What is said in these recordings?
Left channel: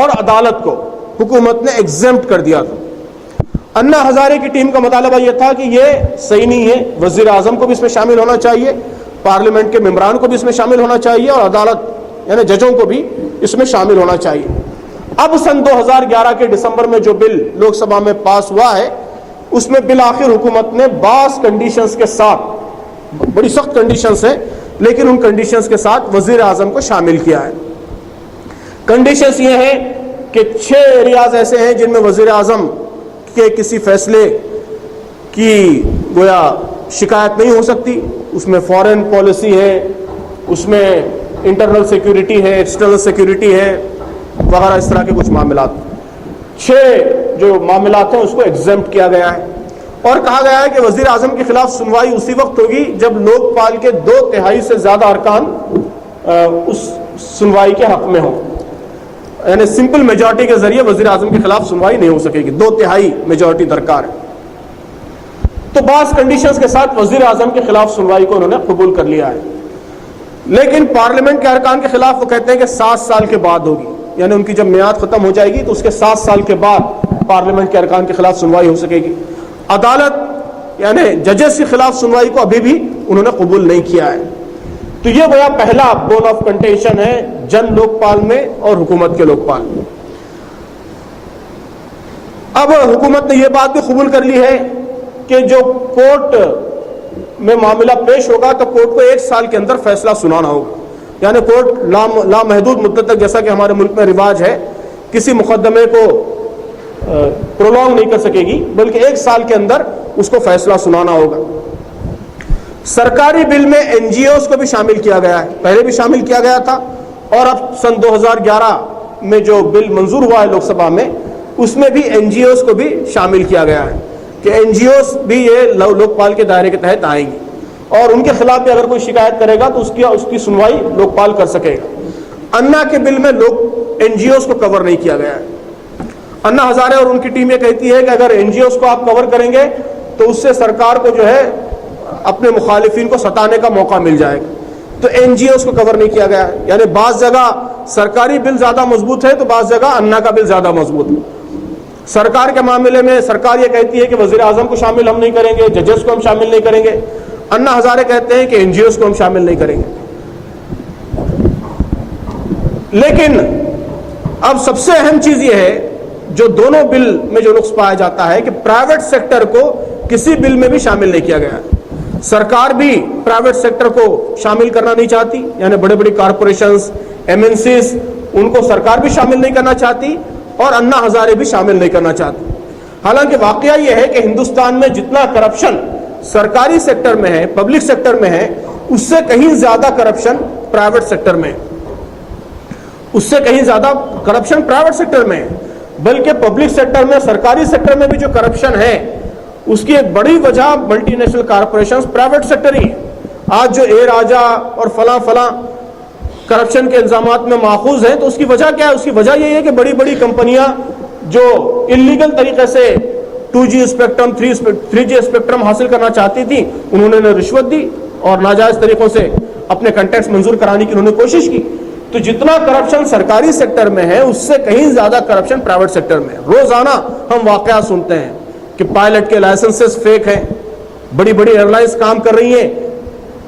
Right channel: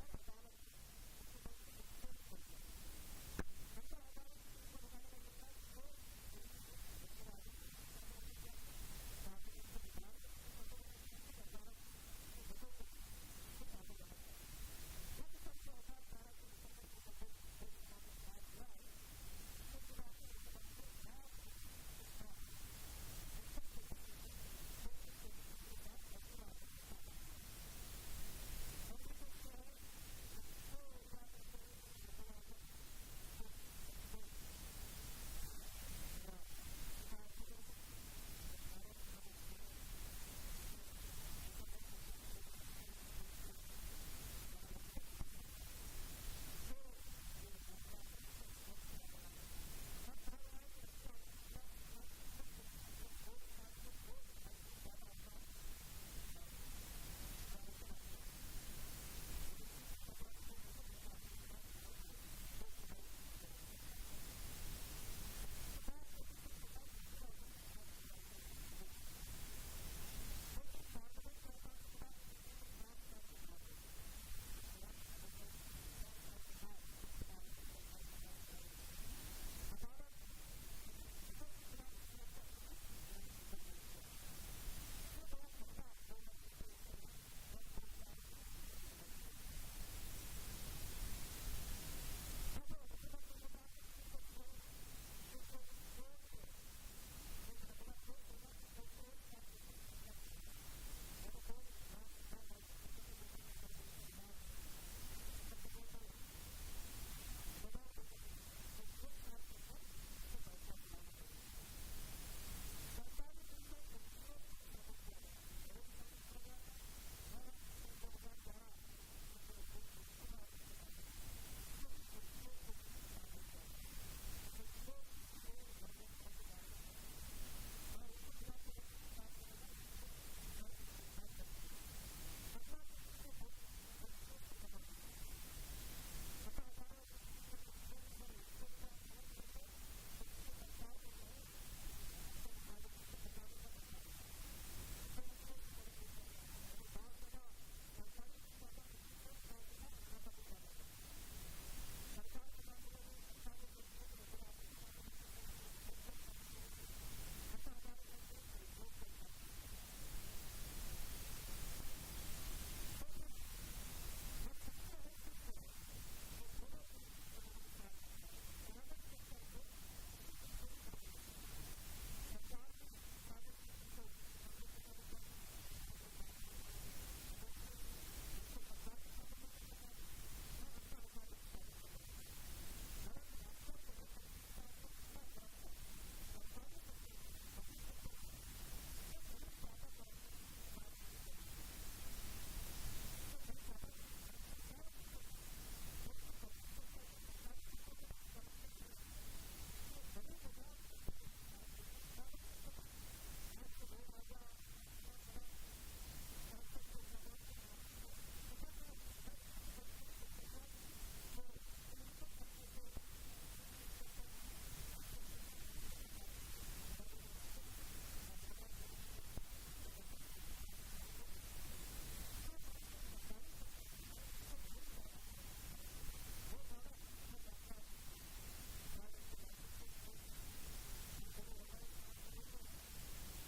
اور عدالت کو حکومت نے ایگزمپٹ کر دیا تھا۔ انا ہزارے کی ٹیم کا مطالبہ یہ تھا کہ یہ صحیح نہیں ہے، وزیر اعظم کو بھی اس میں شامل ہونا چاہیے، پارلیمنٹ کے ممبران کو بھی اس میں شامل ہونا چاہیے، اور عدالت یعنی ججوں کو بھی اس میں شامل ہونا چاہیے۔ اب سن 2011 کے دسمبر میں جو بل لوک سبھا میں پاس ہوا ہے، اس میں بالآخر حکومت نے بعض کنڈیشنز کے ساتھ، بڑی سخت کنڈیشنز ہیں لیکن ان کنڈیشنز کے ساتھ وزیر اعظم کو شامل کیا ہے۔ کنڈیشنز یہ ہیں کہ 6 ایریاز ایسے ہیں جن میں وزیر اعظم کے کسی فیصلے کی گویا شکایت نہیں ہو سکتی۔ اس میں فارن پالیسی ہے، اس میں انٹرنل سیکیورٹی ہے، ایکسٹرنل سیکیورٹی ہے، وغیرہ اس طرح کے کچھ معاملات۔ 6 جو معاملات ہیں اس کو ایگزمپٹ کیا گیا ہے، اور کہا گیا ہے کہ وزیر اعظم کے خلاف سنوائی اسی وقت ہوگی جب لوک پال کے 2/3 سے زیادہ ارکان اس سنوائی کے حق میں ہوں، یعنی سمپل میجورٹی کے ذریعے وزیر اعظم کے خلاف سنوائی نہیں ہو سکے گی، 2/3 میجورٹی درکار ہے۔ تو بعض کنڈیشنز کے ساتھ وزیر اعظم کے خلاف سنوائی کو انہوں نے قبول کر لیا ہے، لیکن پارلیمنٹ کے ارکان کے خلاف وہ کہتے ہیں کہ 7 سال کے بعد ہوگی، یعنی ان کی جب میعاد ختم ہو جائے گی تو اس کے 7 سال کے بعد پارلیمنٹ کے ارکان کے خلاف سنوائی ہو سکے گی۔ عدالت یعنی ججز کے خلاف سنوائی کو ابھی بھی انہوں نے قبول نہیں کیا ہے۔ تو یہ گویا پہلا بون آف کنٹینشن ہے جن لوک پال میں اور حکومت کے لوک پال میں۔ اب حکومت نے یہ بات بھی قبول کر لی ہے کہ جو کورٹ میں معاملہ پیش ہوگا تو کورٹ کو 1 سال کے اندر فیصلہ سنانا ہوگا، یعنی کورٹ لامحدود مدت تک، جیسا کہ ہمارے ملک میں رواج ہے، کسی مقدمے کو پرولونگ نہیں کر سکے گی، بلکہ 1 سال کے اندر اس کو فیصلہ سنانا ہوگا۔ سرکاری بل میں این جی اوز کو بھی شامل کیا گیا ہے، پہلے بھی شامل کیا گیا تھا، اور اب سن 2011 میں جو بل منظور ہوا ہے لوک سبھا میں، اس میں بھی این جی اوز کو بھی شامل کیا گیا ہے کہ این جی اوز بھی یہ لوک پال کے دائرے کے تحت آئیں گی، اور ان کے خلاف بھی اگر کوئی شکایت کرے گا تو اس کی سنوائی لوک پال کر سکے گا۔ انا کے بل میں این جی اوز کو کور نہیں کیا گیا ہے۔ انا ہزارے اور ان کی ٹیم یہ کہتی ہے کہ اگر این جی اوز کو آپ کور کریں گے تو اس سے سرکار کو جو ہے اپنے مخالفین کو ستانے کا موقع مل جائے گا، تو این جی اوز کو کور نہیں کیا گیا ہے، یعنی بعض جگہ سرکاری بل زیادہ مضبوط ہے تو بعض جگہ انا کا بل زیادہ مضبوط ہے۔ سرکار کے معاملے میں سرکار یہ کہتی ہے کہ وزیر اعظم کو شامل ہم نہیں کریں گے، ججز کو ہم شامل نہیں کریں گے، انا ہزارے کہتے ہیں کہ این جی اوز کو ہم شامل نہیں کریں گے۔ لیکن اب سب سے اہم چیز یہ ہے جو دونوں بل میں جو نقص پایا جاتا ہے کہ پرائیویٹ سیکٹر کو کسی بل میں بھی شامل نہیں کیا گیا۔ سرکار بھی پرائیویٹ سیکٹر کو شامل کرنا نہیں چاہتی، یعنی بڑے بڑی کارپوریشنز، ایم این سیز، ان کو سرکار بھی شامل نہیں کرنا چاہتی، اور انا ہزارے بھی شامل نہیں کرنا چاہتی۔ حالانکہ واقعہ یہ ہے کہ ہندوستان میں جتنا کرپشن سرکاری سیکٹر میں ہے، پبلک سیکٹر میں ہے، اس سے کہیں زیادہ کرپشن پرائیویٹ سیکٹر میں ہے، اس سے کہیں زیادہ کرپشن پرائیویٹ سیکٹر میں ہے، بلکہ پبلک سیکٹر میں، سرکاری سیکٹر میں بھی جو کرپشن ہے اس کی ایک بڑی وجہ multinational corporations private sector ہی ہے۔ آج جو اے راجا اور فلاں فلاں کرپشن کے الزامات میں ماخوذ ہیں تو اس کی وجہ کیا ہے؟ اس کی وجہ یہ ہے کہ بڑی بڑی کمپنیاں جو انلیگل طریقے سے 2G اسپیکٹرم 3G اسپیکٹرم حاصل کرنا چاہتی تھی، انہوں نے رشوت دی اور ناجائز طریقوں سے اپنے کنٹیکٹس منظور کرانے کی انہوں نے کوشش کی۔ تو جتنا کرپشن سرکاری سیکٹر میں ہے اس سے کہیں زیادہ کرپشن پرائیویٹ سیکٹر میں ہے۔ روزانہ ہم واقعات سنتے ہیں کہ پائلٹ کے لائسنسز فیک ہیں، بڑی بڑی ایئر لائنز کام کر رہی ہیں،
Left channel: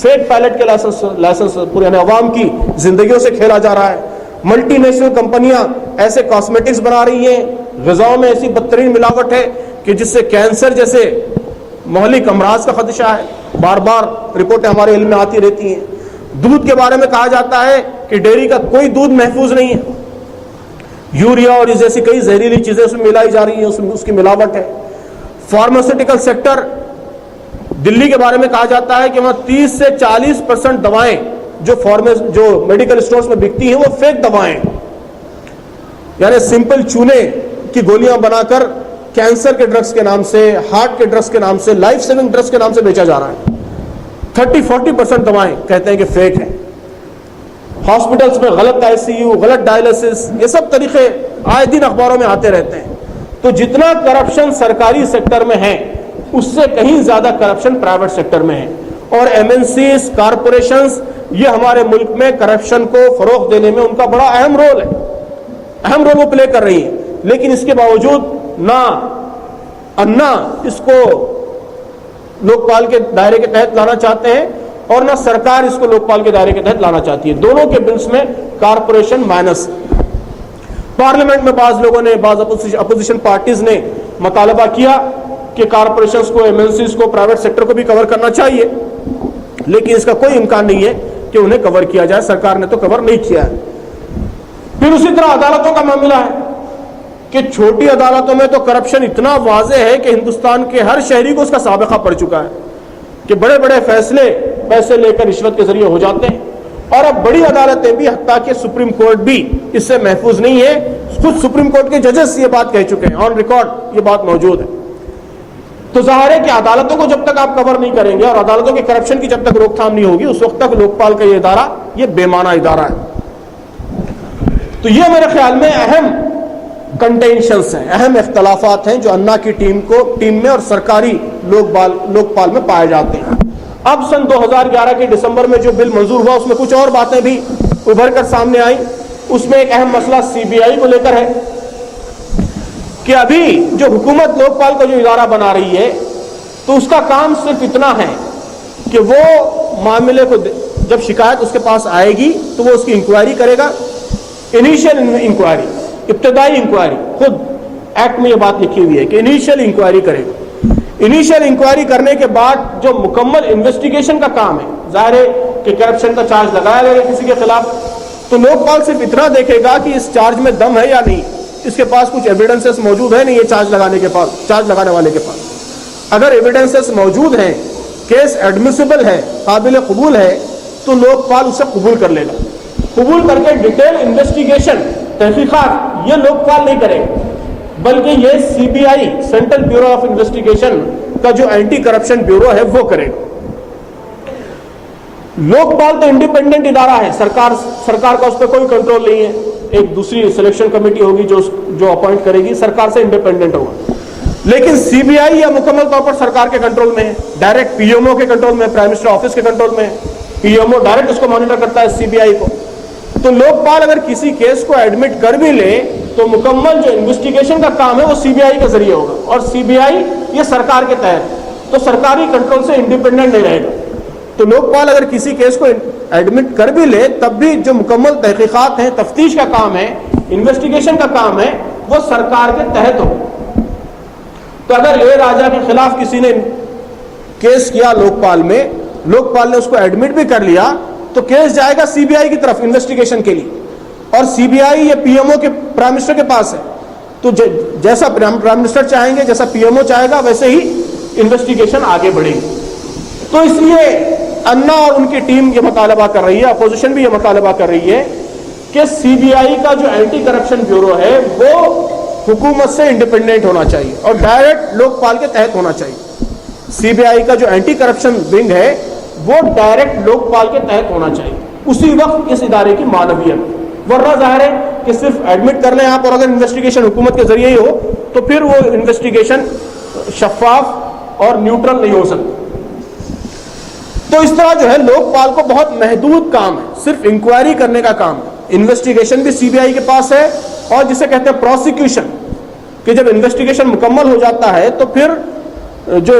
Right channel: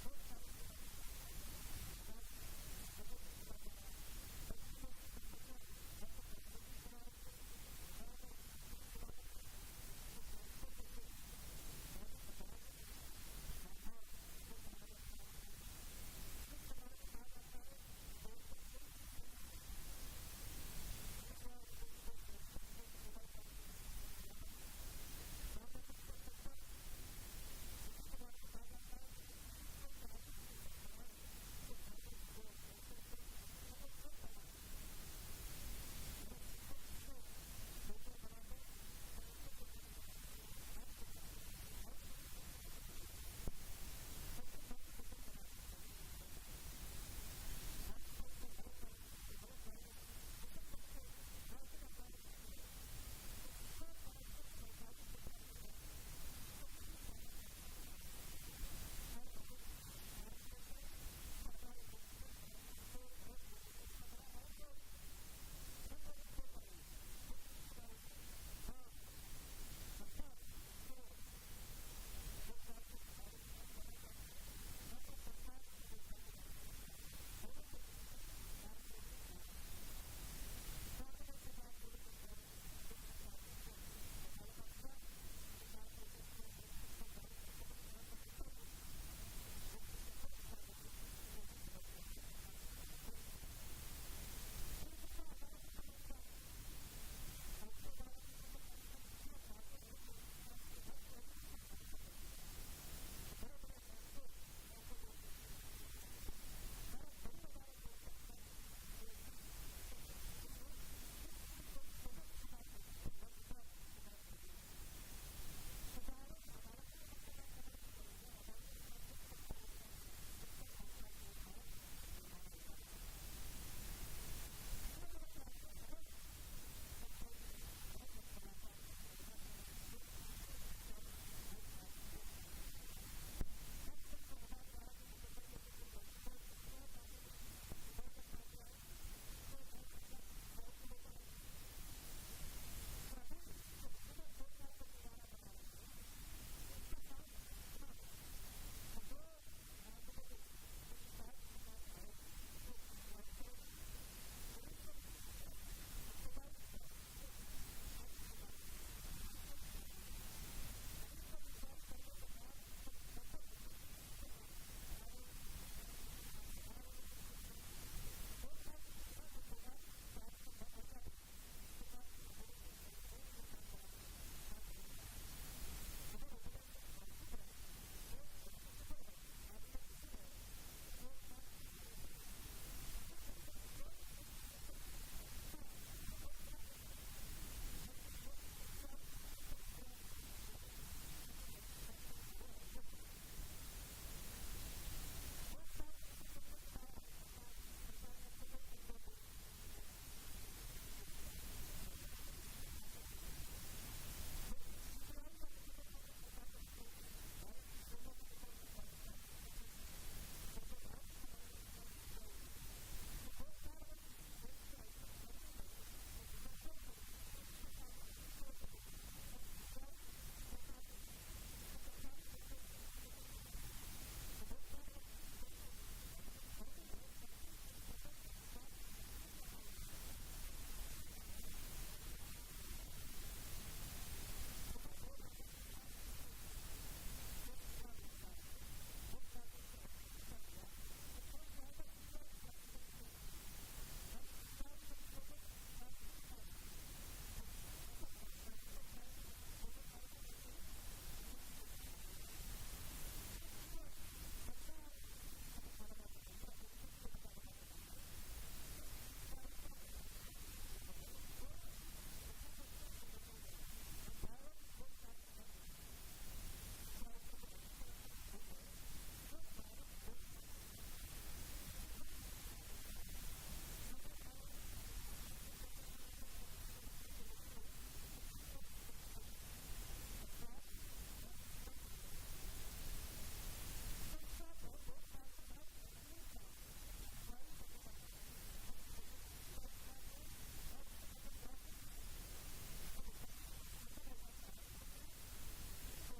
فیک پائلٹ کے لائسنس پورے یعنی عوام کی زندگیوں سے کھیلا جا رہا ہے۔ ملٹی نیشنل کمپنیاں ایسے کاسمیٹکس بنا رہی ہیں، غذاؤں میں ایسی بدترین ملاوٹ ہے کہ جس سے کینسر جیسے مہلک امراض کا خدشہ ہے، بار بار رپورٹیں ہمارے علم میں آتی رہتی ہیں۔ دودھ کے بارے میں کہا جاتا ہے کہ ڈیری کا کوئی دودھ محفوظ نہیں ہے، یوریا اور اس جیسی کئی زہریلی چیزیں اس میں ملائی جا رہی ہیں، اس کی ملاوٹ ہے۔ فارماسیوٹیکل سیکٹر، دلی کے بارے میں کہا جاتا ہے کہ وہاں 30 سے 40% دوائیں جو میڈیکل اسٹورز میں بکتی ہیں وہ فیک دوائیں، یعنی سمپل چونے کی گولیاں بنا کر کینسر کے ڈرگز کے نام سے، ہارٹ کے ڈرگز کے نام سے، لائف سیونگ ڈرگز کے نام سے بیچا جا رہا ہے۔ 30-40% دوائیں کہتے ہیں کہ فیک ہیں۔ ہاسپٹلز میں غلط آئی سی یو، غلط ڈائلسس، یہ سب طریقے آئے دن اخباروں میں آتے رہتے ہیں۔ تو جتنا کرپشن سرکاری سیکٹر میں ہے اس سے کہیں زیادہ کرپشن پرائیویٹ سیکٹر میں ہے، اور ایم این سیز، کارپوریشنز، یہ ہمارے ملک میں کرپشن کو فروغ دینے میں ان کا بڑا اہم رول ہے۔ اہم رول وہ پلے کر رہی ہیں، لیکن اس کے باوجود نہ انا اس کو لوک پال کے دائرے کے تحت لانا چاہتے ہیں اور نہ سرکار اس کو لوک پال کے دائرے کے تحت لانا چاہتی ہے. دونوں کے بلز میں کارپوریشن مائنس. پارلیمنٹ میں بعض لوگوں نے، بعض اپوزیشن پارٹیز نے مطالبہ کیا کہ کارپوریشنز کو، ایم ایل سیز کو، پرائیویٹ سیکٹر کو بھی کور کرنا چاہیے، لیکن اس کا کوئی امکان نہیں ہے کہ انہیں کور کیا جائے. سرکار نے تو کور نہیں کیا ہے. پھر اسی طرح عدالتوں کا معاملہ ہے کہ چھوٹی عدالتوں میں تو کرپشن اتنا واضح ہے کہ ہندوستان کے ہر شہری کو اس کا سابقہ پڑ چکا ہے کہ بڑے بڑے فیصلے پیسے لے کر رشوت کے ذریعے ہو جاتے ہیں. اور اب بڑی عدالتیں بھی، حتیٰ کہ سپریم کورٹ بھی اس سے محفوظ نہیں ہے. خود سپریم کورٹ کے ججز یہ بات کہہ چکے ہیں، آن ریکارڈ یہ بات موجود ہے. تو ظاہر ہے کہ عدالتوں کو جب تک آپ کور نہیں کریں گے اور عدالتوں کے کرپشن کی جب تک روک تھام نہیں ہوگی، اس وقت تک لوک پال کا یہ ادارہ یہ بے معنی ادارہ ہے. تو یہ میرے خیال میں اہم کنٹینشنز ہیں، اہم اختلافات ہیں جو انا کی ٹیم میں اور سرکاری لوک پال میں پائے جاتے ہیں. اب سن 2011 کے دسمبر میں جو بل منظور ہوا، اس میں کچھ اور باتیں بھی ابھر کر سامنے آئیں. اس میں ایک اہم مسئلہ سی بی آئی کو لے کر ہے کہ ابھی جو حکومت لوک پال کا جو ادارہ بنا رہی ہے تو اس کا کام صرف اتنا ہے کہ وہ معاملے کو، جب شکایت اس کے پاس آئے گی تو وہ اس کی انکوائری کرے گا. انیشیل انکوائری، ابتدائی انکوائری، خود ایکٹ میں یہ بات لکھی ہوئی ہے کہ انیشیل انکوائری کرے گا. انیشیل انکوائری کرنے کے بعد جو مکمل انویسٹیگیشن کا کام ہے، ظاہر ہے کہ کرپشن کا چارج لگایا گیا کسی کے خلاف، تو لوک پال صرف اتنا دیکھے گا کہ اس چارج میں دم ہے یا نہیں، اس کے پاس کچھ ایویڈنسز موجود ہے نہیں. یہ چارج لگانے والے کے پاس اگر ایویڈنسز موجود ہیں، کیس ایڈمیسیبل ہے، قابل قبول ہے، تو لوک پال اسے قبول کر لے گا. قبول کر کے ڈیٹیل انویسٹیگیشن، تحقیقات یہ لوک پال نہیں کرے گا، بلکہ یہ C B I, central bureau of investigation کا جو اینٹی کرپشن بیورو ہے وہ کرے گا. لوک پال تو انڈیپینڈنٹ ادارہ ہے، سرکار کا اس پہ کوئی کنٹرول نہیں ہے. ایک دوسری سلیکشن کمیٹی ہوگی جو اپوائنٹ کرے گی، سرکار سے انڈیپینڈنٹ ہوگا. لیکن سی بی آئی یا مکمل طور پر سرکار کے کنٹرول میں ہے، ڈائریکٹ پی ایم او کے کنٹرول میں، پرائم منسٹر آفس کے کنٹرول میں. پی ایم او ڈائریکٹ اس کو مانیٹر کرتا ہے سی بی آئی کو. تو لوک پال اگر کسی کیس کو ایڈمٹ کر بھی لے تو مکمل جو انویسٹیگیشن کا کام ہے وہ سی بی آئی کے ذریعے ہوگا، اور سی بی آئی یہ سرکار کے تحت، تو سرکاری کنٹرول سے انڈیپینڈنٹ نہیں رہے گا. تو لوک پال اگر کسی کیس کو ایڈمٹ کر بھی لے تب بھی جو مکمل تحقیقات ہیں، تفتیش کا کام ہے، انویسٹیگیشن کا کام ہے، وہ سرکار کے تحت ہو. تو اگر اے راجا کے خلاف کسی نے کیس کیا لوک پال میں، لوک پال نے اس کو ایڈمٹ بھی کر لیا، تو کیس جائے گا سی بی آئی کی طرف انویسٹیگیشن کے لیے، اور سی بی آئی یہ پی ایم او کے پرائم منسٹر کے پاس ہے. تو جیسا پرائم منسٹر چاہیں گے، جیسا پی ایم او چاہے گا، ویسے ہی انویسٹیگیشن آگے بڑھے گی. تو اس لیے انا اور ان کی ٹیم یہ مطالبہ کر رہی ہے، اپوزیشن بھی یہ مطالبہ کر رہی ہے کہ سی بی آئی کا جو اینٹی کرپشن بیورو ہے وہ حکومت سے انڈیپینڈنٹ ہونا چاہیے اور ڈائریکٹ لوک پال کے تحت ہونا چاہیے. سی بی آئی کا جو اینٹی کرپشن ونگ ہے وہ ڈائریکٹ لوک پال کے تحت ہونا چاہیے. اسی وقت اس ادارے کی معنویت، ورنہ ظاہر ہے کہ صرف ایڈمٹ کر لیں آپ، اور اگر انویسٹیگیشن حکومت کے ذریعے ہی ہو تو پھر وہ انویسٹیگیشن شفاف اور نیوٹرل نہیں ہو سکتی. تو اس طرح جو ہے لوک پال کو بہت محدود کام ہے، صرف انکوائری کرنے کا کام ہے. انویسٹیگیشن بھی سی بی آئی کے پاس ہے، اور جسے کہتے ہیں پروسیکیوشن، کہ جب انویسٹیگیشن مکمل ہو جاتا ہے تو پھر جو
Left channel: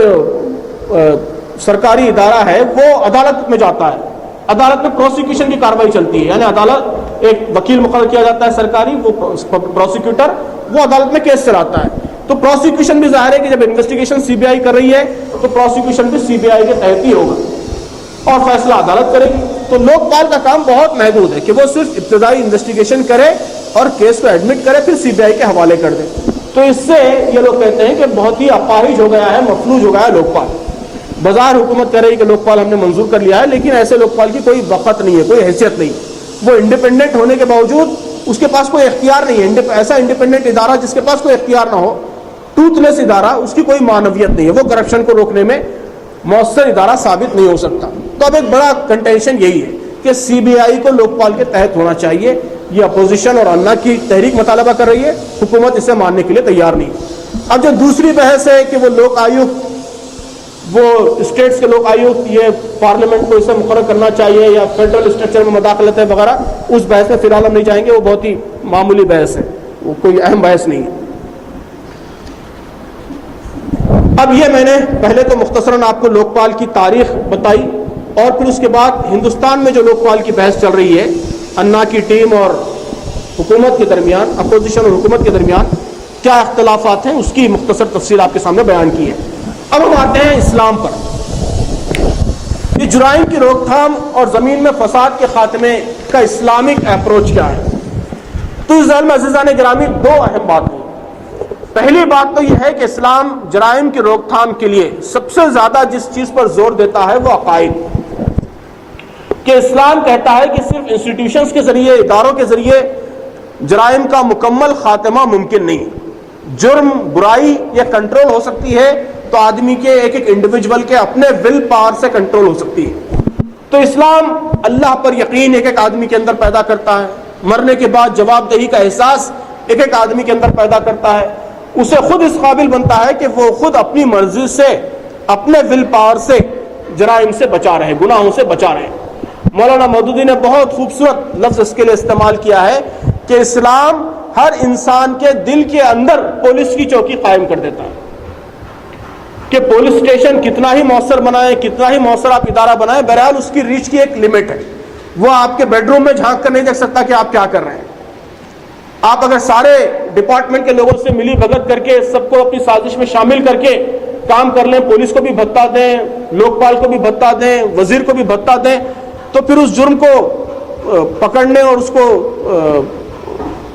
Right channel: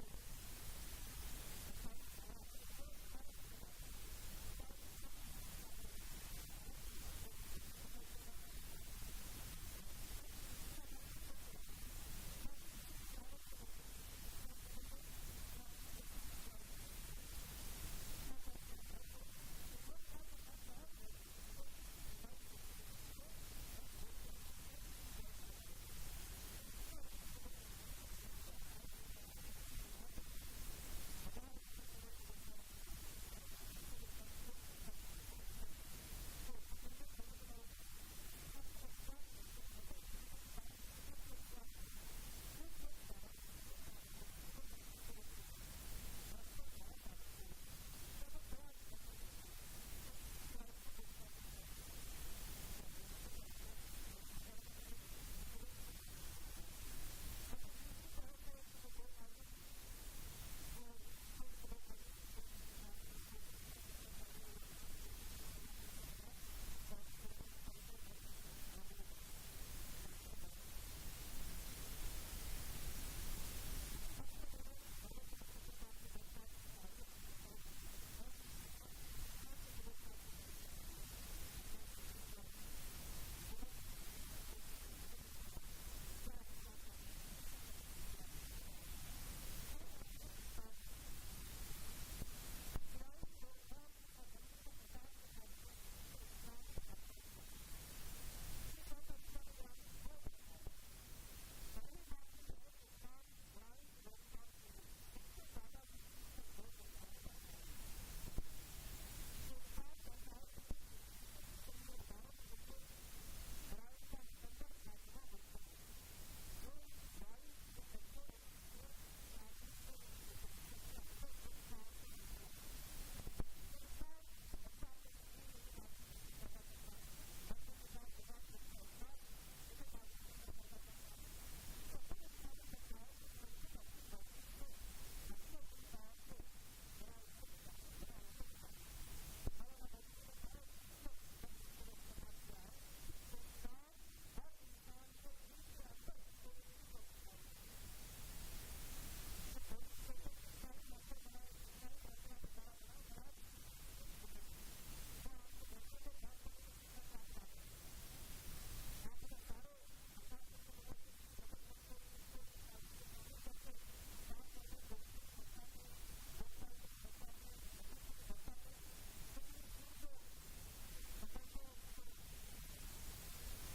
سرکاری ادارہ ہے وہ عدالت میں جاتا ہے. عدالت میں پروسیکیوشن کی کاروائی چلتی ہے، یعنی عدالت ایک وکیل مقرر کیا جاتا ہے سرکاری، وہ پروسیکیوٹر، وہ عدالت میں کیس چلاتا ہے. تو پروسیکیوشن بھی ظاہر ہے کہ جب انویسٹیگیشن سی بی آئی کر رہی ہے تو پروسیکیوشن بھی سی بی آئی کے تحت ہی ہوگا اور فیصلہ عدالت کرے گی. تو لوک پال کا کام بہت محدود ہے کہ وہ صرف ابتدائی انویسٹیگیشن کرے اور کیس کو ایڈمٹ کرے، پھر سی بی آئی کے حوالے کر دے. تو اس سے یہ لوگ کہتے ہیں کہ بہت ہی اپاہج ہو گیا ہے، مفلوج ہو گیا ہے لوک پال. بظاہر حکومت کہہ رہی کہ لوک پال ہم نے منظور کر لیا ہے، لیکن ایسے لوک پال کی کوئی وقت نہیں ہے، کوئی حیثیت نہیں. وہ انڈیپینڈنٹ ہونے کے باوجود اس کے پاس کوئی اختیار نہیں ہے. ایسا انڈیپینڈنٹ ادارہ جس کے پاس کوئی اختیار نہ ہو، ٹوتھ لیس ادارہ، اس کی کوئی معنویت نہیں ہے، وہ کرپشن کو روکنے میں مؤثر ادارہ ثابت نہیں ہو سکتا. تو اب ایک بڑا کنٹینشن یہی ہے کہ سی بی آئی کو لوک پال کے تحت ہونا چاہیے. یہ اپوزیشن اور انا کی تحریک مطالبہ کر رہی ہے، حکومت اسے ماننے کے لیے تیار نہیں. اب جو دوسری بحث ہے کہ وہ لوک آیوکت، وہ اسٹیٹس کے لوک آیوکت یہ پارلیمنٹ کو اسے مقرر کرنا چاہیے یا فیڈرل اسٹرکچر میں مداخلت ہے وغیرہ، اس بحث میں فی الحال ہم نہیں جائیں گے، وہ بہت ہی معمولی بحث ہے. وہ کوئی اہم بحث نہیں ہے۔ اب یہ میں نے پہلے تو مختصراً آپ کو لوک پال کی تاریخ بتائی، اور پھر اس کے بعد ہندوستان میں جو لوک پال کی بحث چل رہی ہے انا کی ٹیم اور حکومت کے درمیان، اپوزیشن اور حکومت کے درمیان کیا اختلافات ہیں، اس کی مختصر تفصیل آپ کے سامنے بیان کی ہے۔ اب ہم آتے ہیں اسلام پر۔ یہ جرائم کی روک تھام اور زمین میں فساد کے خاتمے کا اسلامک اپروچ کیا ہے؟ تو اس ذیل میں عزیزان گرامی دو اہم باتیں۔ پہلی بات تو یہ ہے کہ اسلام جرائم کی روک تھام کے لیے سب سے زیادہ جس چیز پر زور دیتا ہے وہ عقائد، کہ اسلام کہتا ہے کہ صرف انسٹیٹیوشنز کے ذریعے، اداروں کے ذریعے جرائم کا مکمل خاتمہ ممکن نہیں۔ جرم، برائی یہ کنٹرول ہو سکتی ہے تو آدمی کے ایک ایک انڈیویجول کے اپنے ول پاور سے کنٹرول ہو سکتی ہے۔ تو اسلام اللہ پر یقین ایک ایک آدمی کے اندر پیدا کرتا ہے، مرنے کے بعد جواب دہی کا احساس ایک ایک آدمی کے اندر پیدا کرتا ہے، اسے خود اس قابل بنتا ہے کہ وہ خود اپنی مرضی سے، اپنے ول پاور سے جرائم سے بچا رہے، گناہوں سے بچا رہے۔ مولانا مودودی نے بہت خوبصورت لفظ اس کے لیے استعمال کیا ہے کہ اسلام ہر انسان کے دل کے اندر پولیس کی چوکی قائم کر دیتا ہے، کہ پولیس اسٹیشن کتنا ہی مؤثر بنائیں، کتنا ہی مؤثر آپ ادارہ بنائیں، بہرحال اس کی ریچ کی ایک لمٹ ہے۔ وہ آپ کے بیڈ روم میں جھانک کر نہیں دیکھ سکتا کہ آپ کیا کر رہے ہیں۔ آپ اگر سارے ڈپارٹمنٹ کے لوگوں سے ملی بھگت کر کے سب کو اپنی سازش میں شامل کر کے کام کر لیں، پولیس کو بھی بھتہ دیں، لوک پال کو بھی بھتہ دیں، وزیر کو بھی بھتہ دیں، تو پھر اس جرم کو پکڑنے اور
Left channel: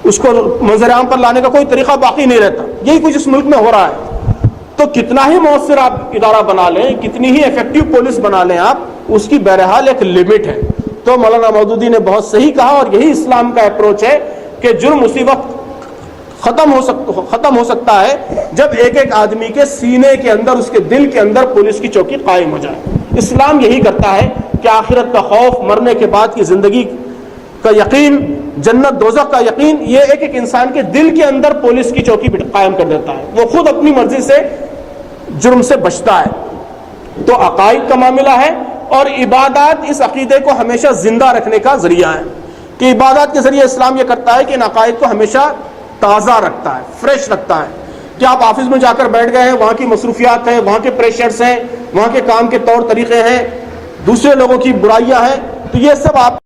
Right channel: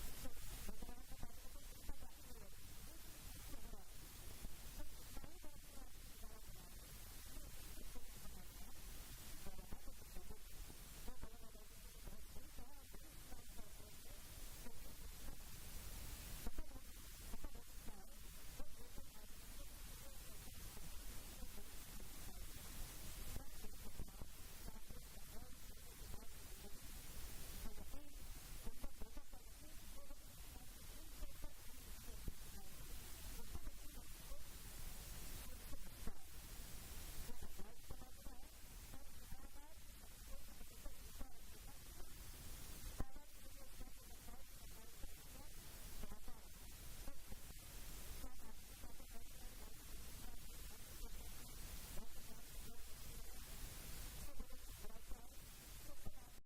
اس کو منظر عام پر لانے کا کوئی طریقہ باقی نہیں رہتا۔ یہی کچھ اس ملک میں ہو رہا ہے۔ تو کتنا ہی مؤثر آپ ادارہ بنا لیں، کتنی ہی ایفیکٹو پولیس بنا لیں آپ، اس کی بہرحال ایک لمٹ ہے۔ تو مولانا مودودی نے بہت صحیح کہا، اور یہی اسلام کا اپروچ ہے کہ جرم اسی وقت ختم ہو سکتا ہے جب ایک ایک آدمی کے سینے کے اندر، اس کے دل کے اندر پولیس کی چوکی قائم ہو جائے۔ اسلام یہی کرتا ہے کہ آخرت کا خوف، مرنے کے بعد کی زندگی کا یقین، جنت دوزخ کا یقین، یہ ایک ایک انسان کے دل کے اندر پولیس کی چوکی قائم کر دیتا ہے۔ وہ خود اپنی مرضی سے جرم سے بچتا ہے۔ تو عقائد کا معاملہ ہے، اور عبادات اس عقیدے کو ہمیشہ زندہ رکھنے کا ذریعہ ہے، کہ عبادات کے ذریعے اسلام یہ کرتا ہے کہ ان عقائد کو ہمیشہ تازہ رکھتا ہے، فریش رکھتا ہے۔ کہ آپ آفس میں جا کر بیٹھ گئے ہیں، وہاں کی مصروفیات ہیں، وہاں کے پریشرز ہیں، وہاں کے کام کے طور طریقے ہیں، دوسرے لوگوں کی برائیاں ہیں، تو یہ سب آپ